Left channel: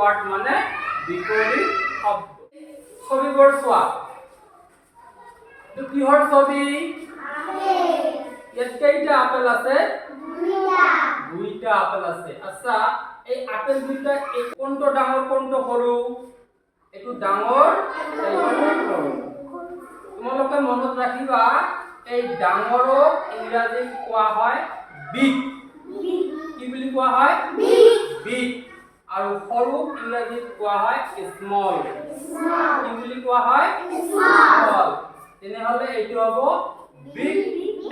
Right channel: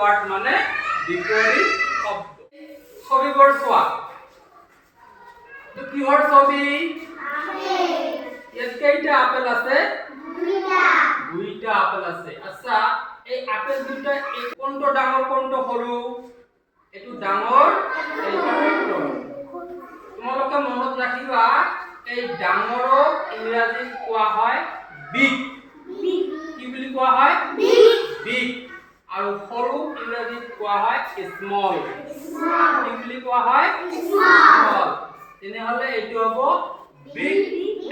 Word মানে বিপৰীত শব্দ। ছবিবোৰ চোৱা, এইটো কিহৰ ছবি? ইয়াত কেইটা আপেল আছে? দুইটা আপেল আছে। আচ্ছা, এই আপেল দুইটা কোনটো ডাঙৰ কোনটো সৰু? এইটো ডাঙৰ, এইটো সৰু। তোমালোকে মনত ৰাখিবা, এই ডাঙৰক ইংৰাজীত কোৱা হয় বিগ। কি বুলি কোৱা হয়? বিগ। আৰু সৰুক ইংৰাজীত কোৱা হয় স্মল। কি বুলি কোৱা হয়? স্মল। তেনেহলে এইটো হ'ব বিগ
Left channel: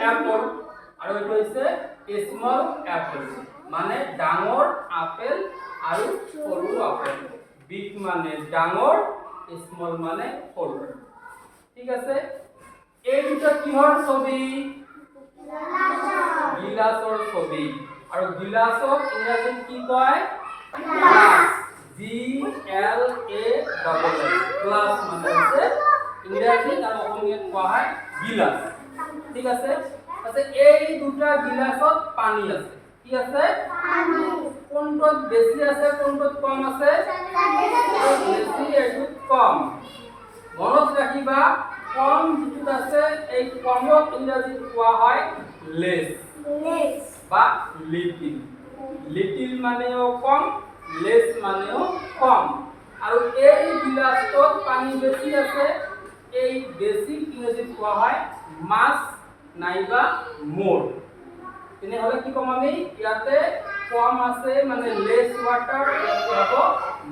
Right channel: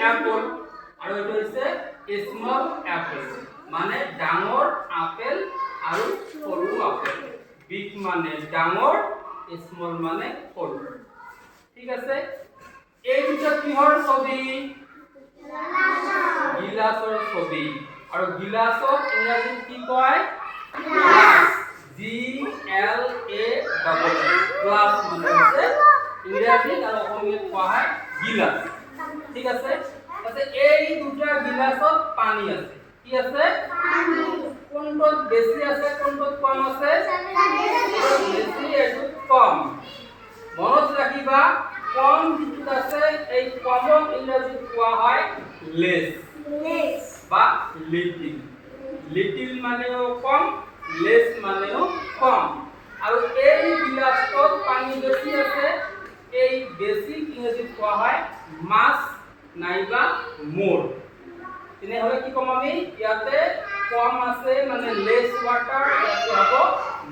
এপল আৰু এইটো হৈছে স্মল এপল, মানে ডাঙৰ আপেল আৰু সৰু আপেল। বিগ মানে ডাঙৰ, স্মল মানে সৰু। ঠিক আছে, এই দুটা কিহৰ ছবি? গিলাসৰ ছবি। আৰু গিলাসক ইংৰাজীত কি কয়? গ্লাস। GLASS, গ্লাস মানে হৈছে ইংৰাজীত আৰু অসমীয়াত কোৱা হয় গিলাস। ঠিক আছে, আছে এই দুটা গিলাসত পানী আছে। কি আছে? পানী। কোনটোত বেছি আছে, কোনটোত কম আছে? বেছি, এইটোত কম। মনত ৰাখিবা, কম যিটো আছে এই কমক ইংৰাজীত কোৱা হয় লেস বা লিটিল। লিটিল মানেও কম, লেস মানেও কম। আৰু এই গিলাসটোত পানী বেছি আছে, এই বেছি ইংৰাজীত কোৱা হয় মাছ নাইবা মোর। তেনেহলে কি কম আমি? ইয়াতে কম আছে মানে লেস ওয়াটার, ইয়াতে হ'ব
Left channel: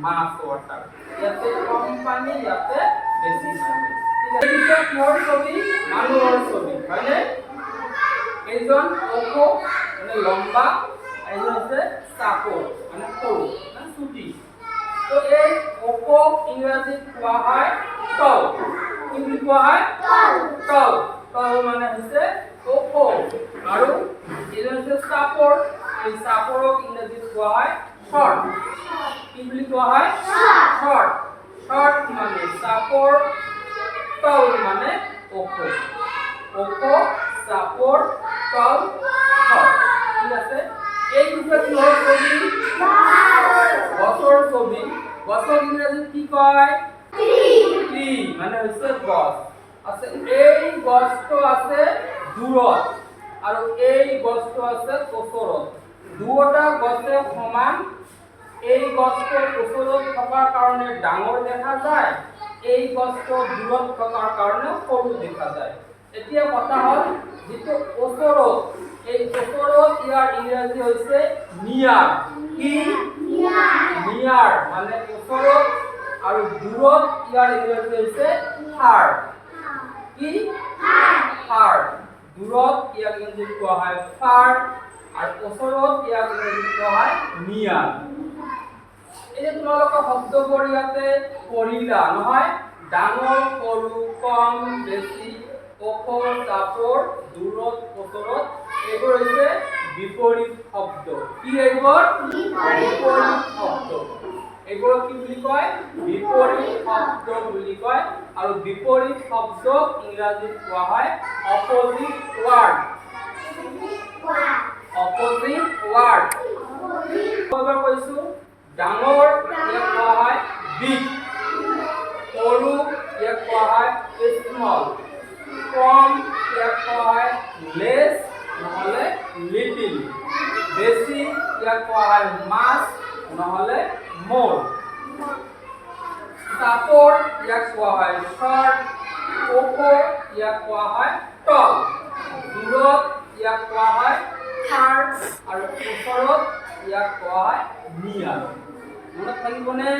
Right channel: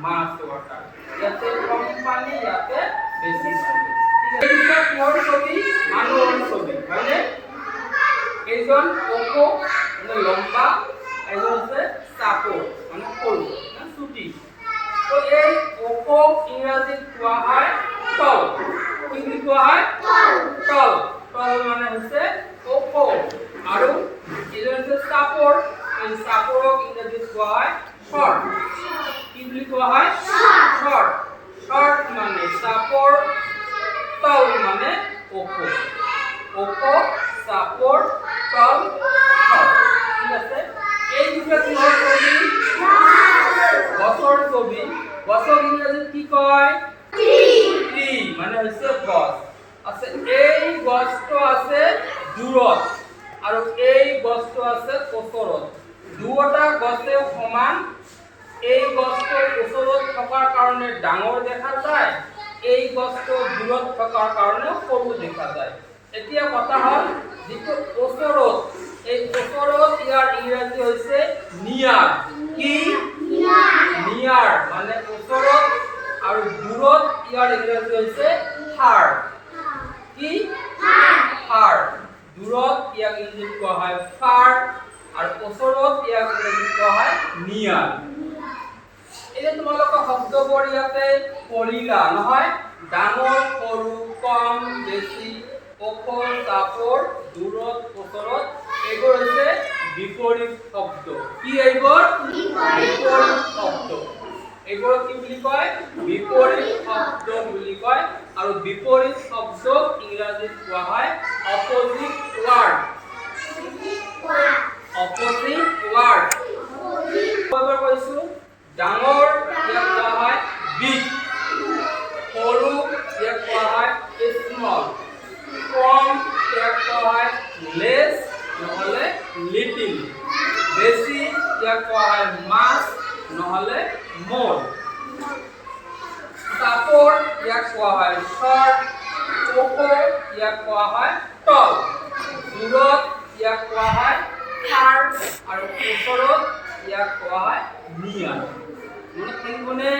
মাছ ওয়াটার। ইয়াতে কম পানী, ইয়াতে বেছি পানী। ঠিক আছে, এইটো কিহৰ ছবি? মানুহৰ ছবি, হয়নে? এইজন ওখ মানে লম্বা, এইজন হৈছে চাপৰ মানে সৰু না চুটি। তো এই ওখ ইংৰাজীত কোৱা হয় টল। কি বুলি কোৱা হয়? টল। টল মানে হৈছে ওখ। আৰু এইজন হৈছে চাপৰ, এই চাপৰক ইংৰাজীত কোৱা হয় শৰ্ট। কি বুলি কোৱা হয়? শৰ্ট। শৰ্ট মানে চাপৰ, টল মানে ওখ। ওখ, চাপৰ, টল, শৰ্ট। ঠিক আছে, এই দুটা কিহৰ ছবি? গছৰ ছবি। গছক ইংৰাজীত কি কয়? ট্ৰি মানে হৈছে গছ। আছে এই গছটো আছে দূৰত আৰু এই গছটো আছে ওচৰত। দুয়োটা গছে সমান। এই গছটো ওচৰত থকাৰ কাৰণে ডাঙৰ দেখা যায়, এই গছটো দূৰত থকাৰ কাৰণে সৰু দেখা যায়। এতিয়া কথা হ'ল, যিটো ওচৰত, এই ওচৰত ইয়াৰ ইংৰাজী হৈছে নিয়াৰ। কি? নিয়াৰ মানে ওচৰত, আৰু দূৰত ইয়াৰ ইংৰাজী হৈছে ফাৰ। কি? ফাৰ। দূৰত ইয়াক ইংৰাজীত কোৱা হয় ফাৰ, আৰু ওচৰত ইয়াক ইংৰাজীত কোৱা হয় নিয়াৰ। এই তোমালোকে শব্দবোৰ ইয়াতে পঢ়িলা নহয়? ডাঙৰ, সৰু, কম, বেছি, ওখ, চাপৰ, দূৰত, ওচৰত, এইবোৰ হৈছে বিপৰীত শব্দ। কি এইবোৰ? বিপৰীত শব্দ। এইবোৰ কি বুলি কয়? বিপৰীত শব্দ বুলি কয়। আৰু বিপৰীত শব্দক ইংৰাজীত কোৱা হয় অপজিট ওয়াৰ্ড। Opposite word. এবাৰ কৈছো, ডাঙৰ ইয়াক কোৱা হয় বিগ, সৰু ইয়াক কোৱা হয় স্মল, কম ইয়াক কোৱা হয় লেস নহলে লিটিল, বেছি ইয়াক কোৱা হয় মাছ নহলে মোৰ, চাপৰ ইয়াক কোৱা হয় শৰ্ট, ওখ ইয়াক কোৱা হয় টল, দূৰত ইয়াক কোৱা হয় ফাৰ, আৰু ওচৰত ইয়াক কোৱা হয় নিয়াৰ। মনত থাকিবনে?